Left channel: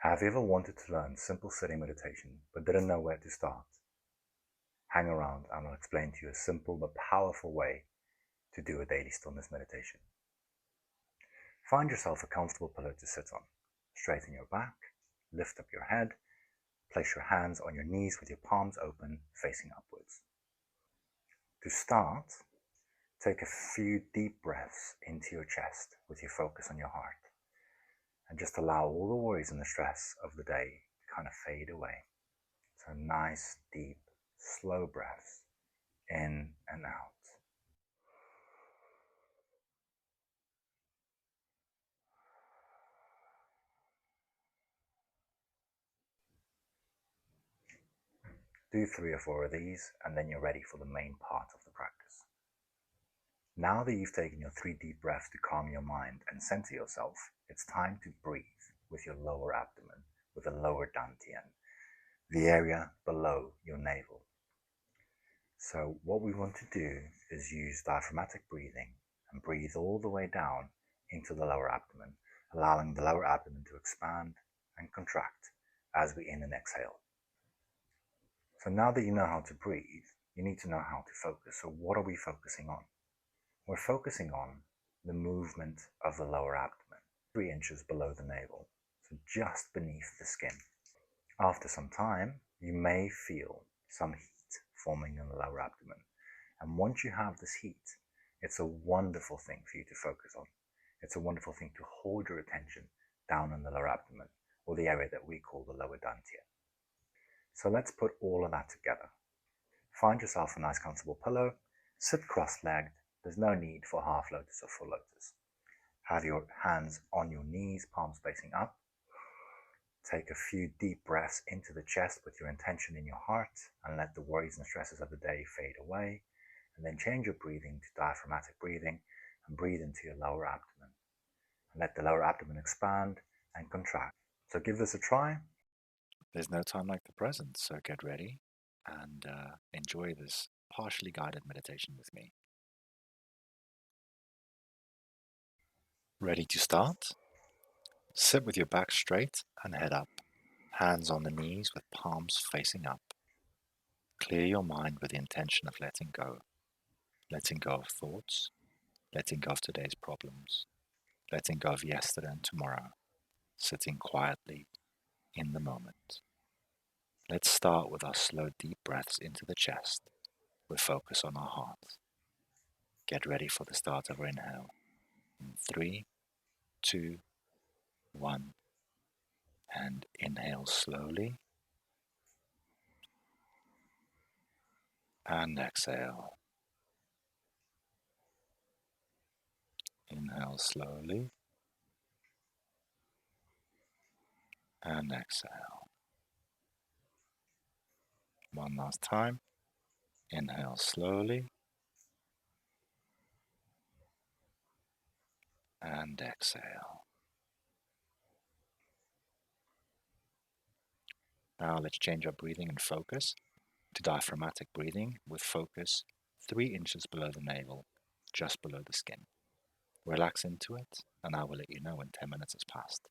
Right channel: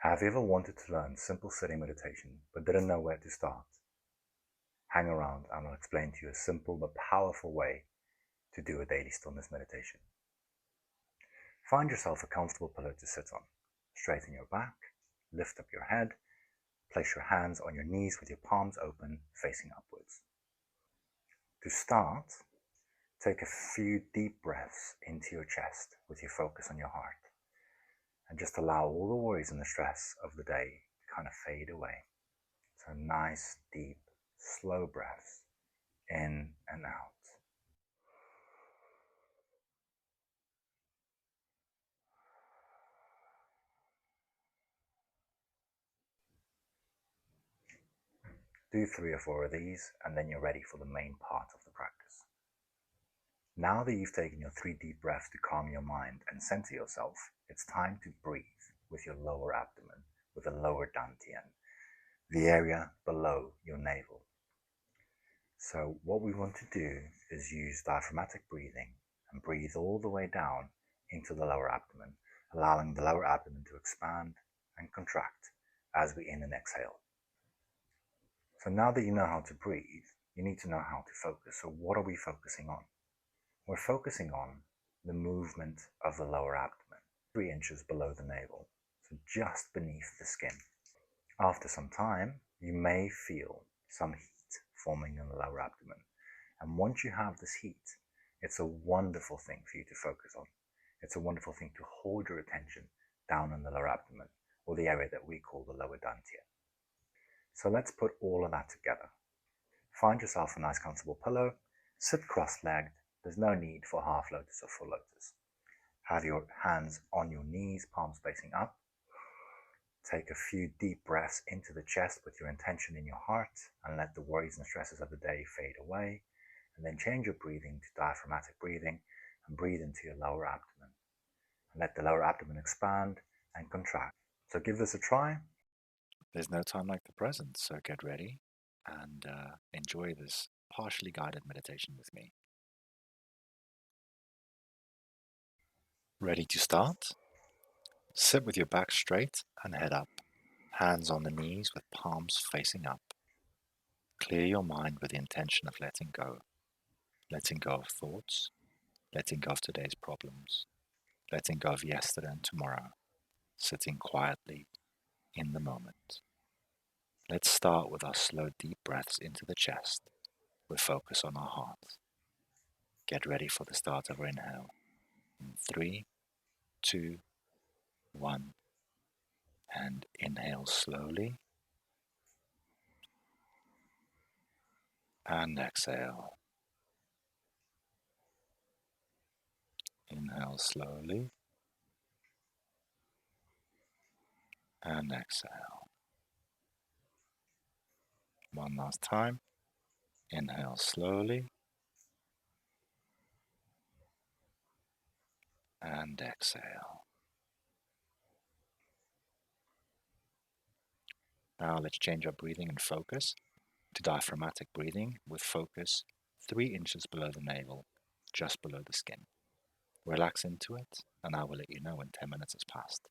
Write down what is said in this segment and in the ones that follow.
Have you ever wanted to learn simple sitting meditation but didn't know where to start? Hang around and I'll explain to you a simple but powerful way to do a daily stillness meditation. Find yourself a comfortable pillow to sit on. Straighten your back, lift up your head, place your hands on your knees with your palms open, facing upwards. To start, take a few deep breaths into your chest with your focus on your heart. And just allow all the worries and the stress of the day to kind of fade away. So nice, deep, slow breaths in and out. Do 3 or 4 of these and then you're ready for the main part of the practice. Now that you've taken your 3 deep breaths to calm your mind and center yourself, it's time to breathe with your lower abdomen, with the lower dantian, the area below your navel. So what we want to do is use diaphragmatic breathing and breathe all the way down into the lower abdomen, allowing the lower abdomen to expand and contract as we in and exhale. So now that you know how to breathe, you need to know how to focus. So what are we focusing on? We're focusing on the movement of the lower abdomen, 3 inches below the navel, so just beneath the skin. After some time, you may feel some heat forming in the lower abdomen. And once you have this heat, it's a wonderful thing for you to focus on. It's a wonderful thing to hold your attention down in the lower abdomen, or the area that we call the lower dantian. So let's put all of that together. Find yourself a nice comfortable pillow, sit cross-legged. There's no need for half lotus or full lotus. Have your hands on your knees, palms facing up. Take a few deep breaths into the chest with your intention in your heart and let the worries and stresses of the day fade away. And then change your breathing to diaphragmatic breathing and breathe into your lower abdomen. And let the lower abdomen expand and contract. So give this a try. There's no time like the present, so get ready and enjoy this partially guided meditation with me. Ready to start? Sit with your back straight and head up, hands on the knees with palms facing up. Clear your mind with the intention of letting go of thoughts, letting go of today's problems, letting go of yesterday and tomorrow, sitting quietly in the moment. Let's start with our slow, deep breaths into the chest with focus on our heart. Get ready for the start of our inhale. In 3, 2, 1, and inhale slowly and exhale. Inhale slowly and exhale. One last time. Inhale slowly and exhale. Now let's change our breathing and focus to diaphragmatic breathing with focus 3 inches below the navel, just below the skin. Relax into it, and I will let you know when 10 minutes has passed.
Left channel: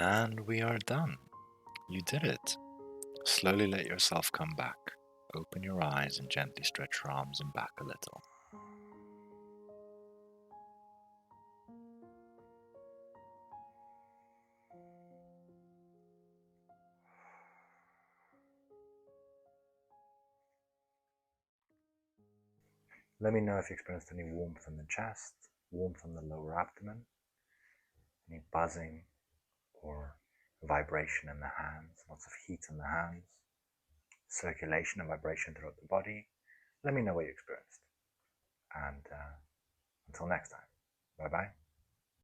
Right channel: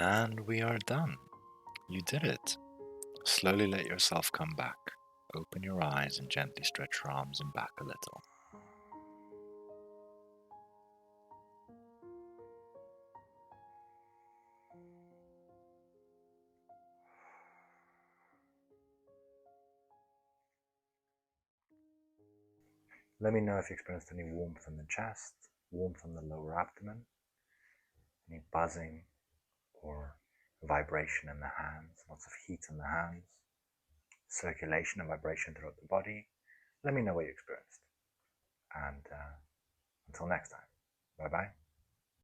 And we are done. You did it. Slowly let yourself come back. Open your eyes and gently stretch your arms and back a little. Let me know if you experienced any warmth in the chest, warmth in the lower abdomen, any buzzing or vibration in the hands, lots of heat in the hands, circulation and vibration throughout the body. Let me know what you experienced. And until next time, bye-bye.